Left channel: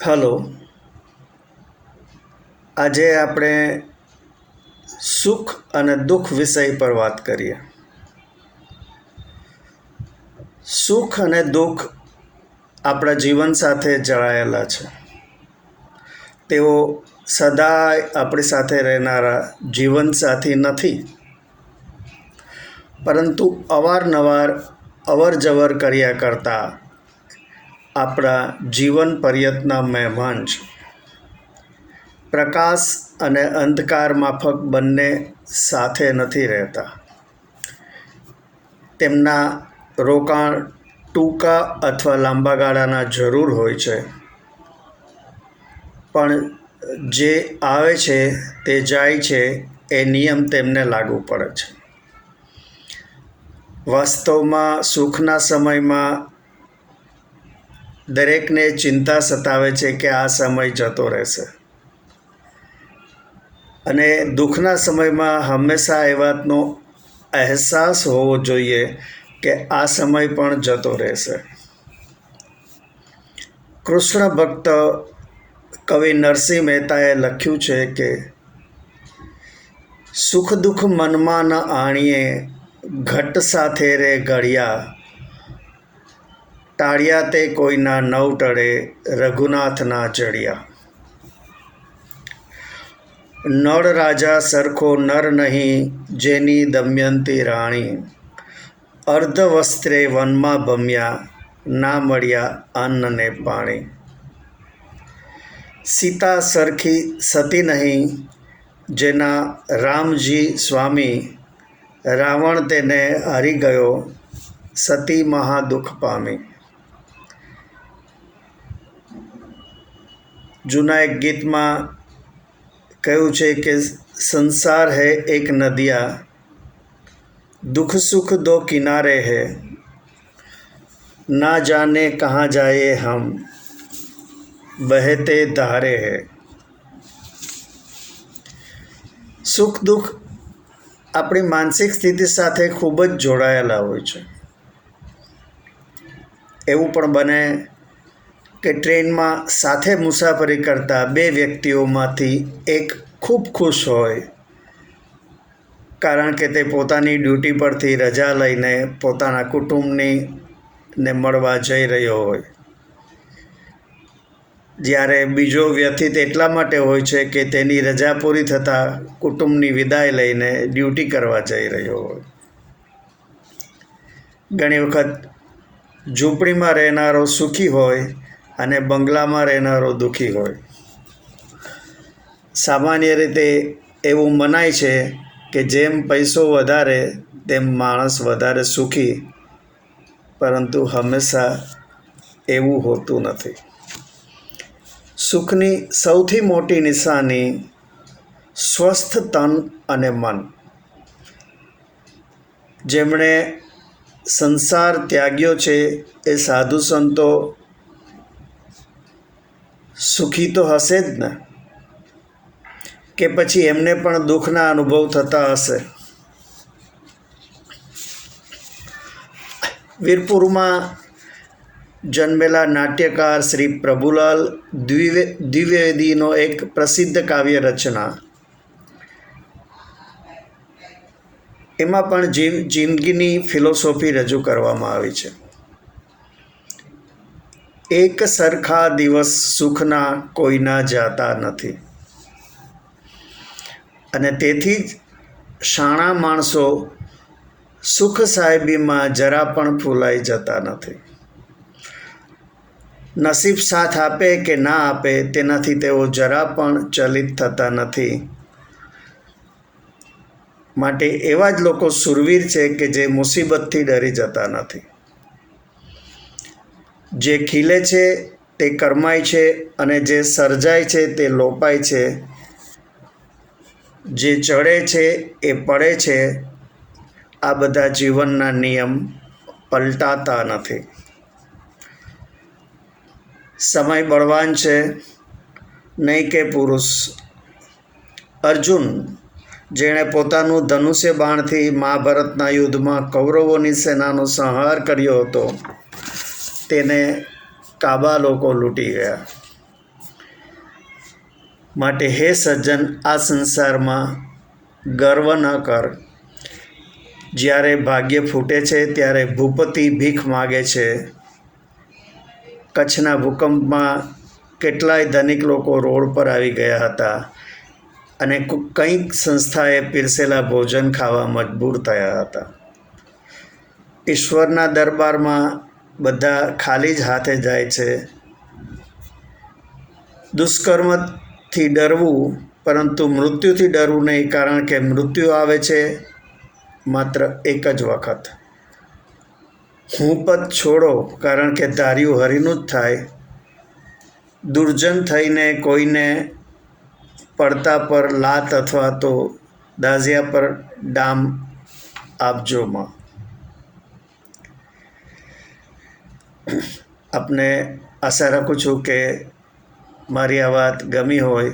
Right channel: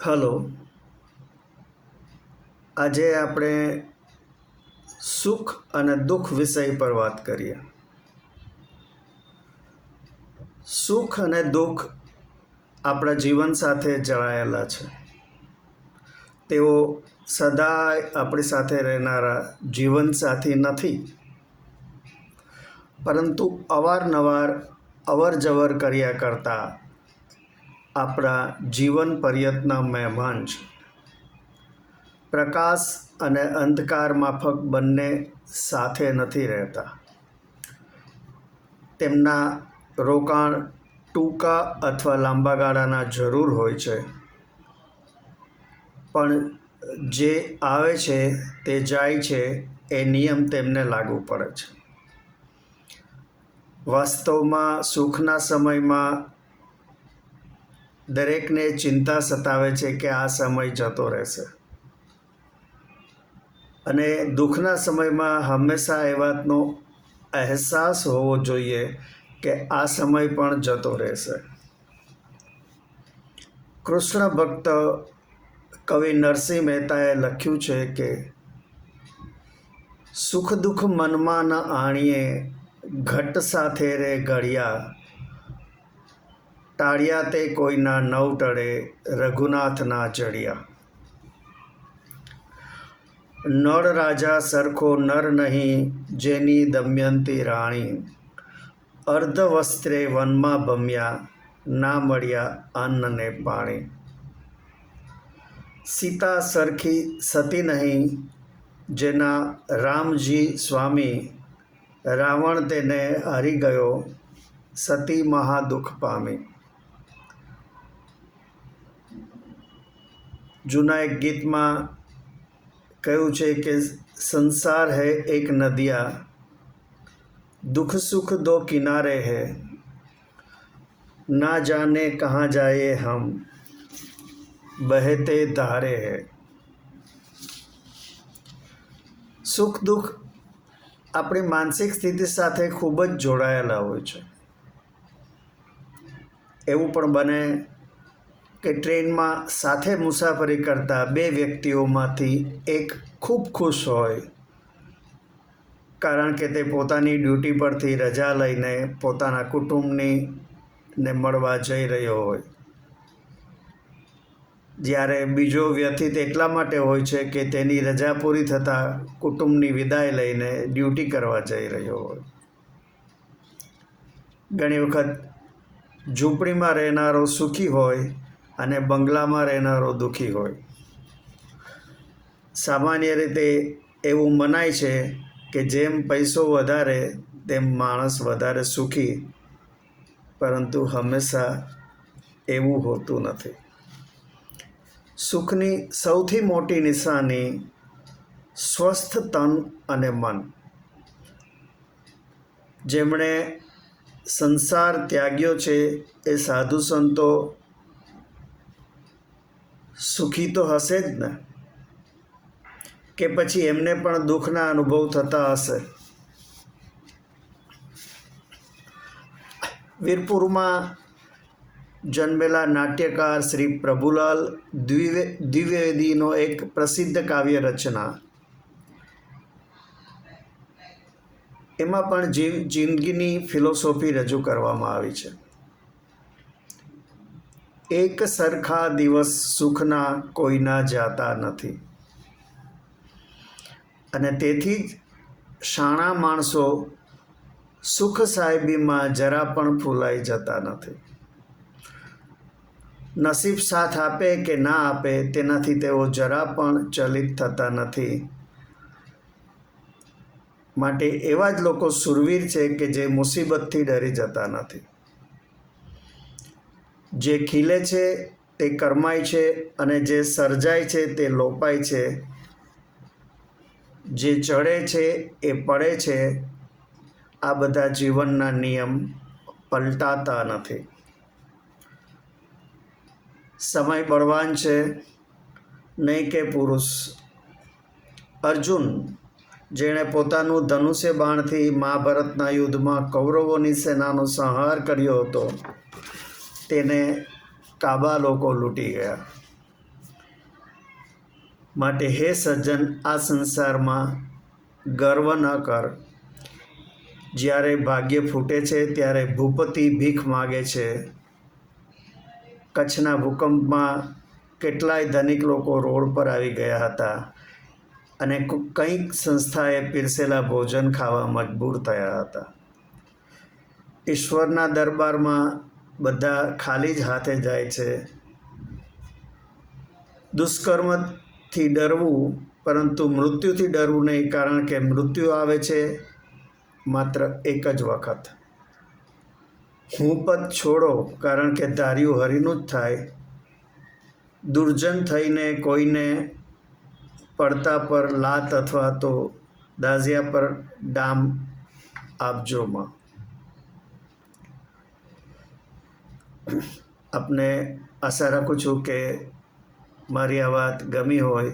Hello. આજે આપણે સુખ અને દુઃખ વિષય પર વાત કરીએ. સુખ અને દુઃખ આપણા જીવન સાથે જોડાયેલા છે. તેઓ સદાય આપણી સાથે રહેનારા જીવનસાથી નથી, પરંતુ અવારનવાર અવરજવર કર્યા કરતા આપણા જીવન પર્યંતના મહેમાન છે. પ્રકાશ અને અંધકાર માફક બંને સાથે નથી રહેતા. તેમના રોકાણ ટૂંકા અથવા લાંબા ગાળાના જરૂર હોય છે, પણ જે આવે છે તે જાય છે એ નિયમ તેમને લાગુ પડે છે. વાસ્તવમાં સુખના સમયમાં દરેકને ચિંતા સતાવે છે કે આ સમય જતો રહેશે, અને દુઃખના સમયમાં હંમેશા એ વાતનો અહેસાસ હોવો જોઈએ કે આ સમય પણ જતો રહેશે. કૃષ્ણ ભક્ત કવિ નરસિંહ મહેતાએ લખ્યું છે કે સુખ દુઃખ મનમાં ન આણીએ, ઘટ સાથે રે ઘડિયા, ટાળ્યા તે કોઈના નવ ટળે, રઘુનાથના જડિયા. નળ રાજા સરખો નર નહીં, જેની દમયંતી રાણી, અર્ધ વસ્ત્રે વનમાં ભમ્યા, ના મળ્યા અન્ન ને પાણી. સીતા સરખી સતી નહીં, જેના રામજી સ્વામી, રાવણ તેને હારી ગયો, સતી મહા દુઃખ પામી. જૂના એક ગીતમાં કહ્યું છે કે સંસાર હૈ એક નદિયા, दुख सुख दो किनारे है, ना जाने कहाँ जाए हम, बहते धारे है. સુખ દુઃખ આપણી માનસિક સ્થિતિ સાથે ખૂબ જ જોડાયેલા હોય છે. એવું પણ બને કે ટ્રેનમાં સાથે મુસાફરી કરતા બે વ્યક્તિઓમાંથી એક ખૂબ ખુશ હોય, કારણ કે તે પોતાની ડ્યુટી પરથી રજા લઈને પોતાના કુટુંબને મળવા જઈ રહ્યો હોય, જ્યારે બીજો વ્યથિત એટલા માટે હોય છે કે તેની રજા પૂરી થતાં કુટુંબની વિદાય લઈને ડ્યુટી કરવા જઈ રહ્યો હોય. ઘણી વખત ઝૂંપડીમાં રહેનારો સુખી હોય અને બંગલામાં રહેનારો દુઃખી હોય. સામાન્ય રીતે એવું મનાય છે કે જેમ પૈસો વધારે તેમ માણસ વધારે સુખી, પરંતુ હંમેશા એવું હોતું નથી. સુખની સૌથી મોટી નિશાની સ્વસ્થ તન અને મન. જેમણે સંસાર ત્યાગ્યો છે એ સાધુ સંતો સુખી તો હશે જ ને, કે પછી એમને પણ દુઃખના અનુભવ થતા હશે. વીરપુરમાં જન્મેલા નાટ્યકાર શ્રી પ્રભુલાલ દ્વિવેદીનો એક પ્રસિદ્ધ કાવ્ય રચના, એમાં પણ જિંદગીની ફિલોસોફી રજૂ કરવામાં આવી છે. એક સરખા દિવસ સુખના કોઈના જાતા નથી, અને તેથી જ શાણા માણસો સુખ સાહેબીમાં જરા પણ ફૂલાઈ જતા નથી. નસીબ સાથ આપે કે ના આપે તેનાથી તેઓ જરા પણ ચલિત થતા નથી. માટે એવા જ લોકો શૂરવીર છે કે જે મુસીબતથી ડરી જતા નથી. જે ખીલે છે તે કરમાય છે, અને જે સર્જાય છે તે લોપાય છે. જે ચડે છે એ પડે છે. આ બધા જીવનના નિયમ પલટાતા નથી. સમય બળવાન છે, નહીં કે પુરુષ. અર્જુન, જેણે પોતાનું ધનુષ્ય બાણથી મહાભારતના યુદ્ધમાં કૌરવોની સેનાનો સંહાર કર્યો હતો, તેને કાબા લોકો લૂંટી ગયા. માટે હે સજ્જન, આ સંસારમાં ગર્વ ન કર. જ્યારે ભાગ્ય ફૂટે છે ત્યારે ભૂપતિ ભીખ માગે છે. કચ્છના ભૂકંપમાં કેટલાય ધનિક લોકો રોડ પર આવી ગયા હતા અને કંઈક સંસ્થાએ પીરસેલા ભોજન ખાવા મજબૂર થયા હતા. ઈશ્વરના દરબારમાં બધા ખાલી જ હાથે જાય છે. દુષ્કર્મથી ડરવું, પરંતુ મૃત્યુથી ડરવું નહીં, કારણ કે મૃત્યુ આવે છે માત્ર એક જ વખત. હું પદ છોડો, કારણ કે ધાર્યું હરીનું જ થાય. દુર્જન થઈને કોઈને પડતા પર લાત અથવા તો દાઝિયા પર ડામ આપજો માં. આપને આશા રાખું છું કે મારી આ વાત ગમી હોય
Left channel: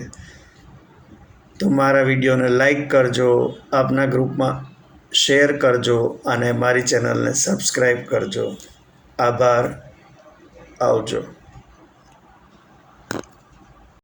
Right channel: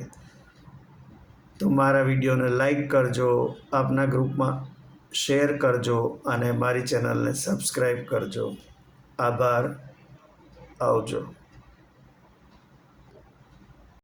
તો મારા વિડીયોને લાઈક કરજો, આપના ગ્રુપમાં શેર કરજો અને મારી ચેનલને સબસ્ક્રાઈબ કરજો. આભાર. આવજો.